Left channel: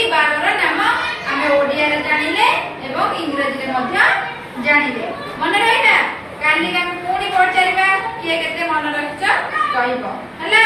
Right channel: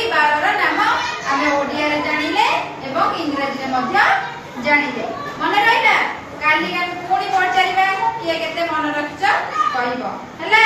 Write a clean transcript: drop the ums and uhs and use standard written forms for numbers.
एही 12 नाम आमे ओडिया रे जानिले एवं इंग्रजी रे मध्य जानिले मन रहिला काली हम पुणी पचारिबा किए केते मन रखछ कहइबो हला।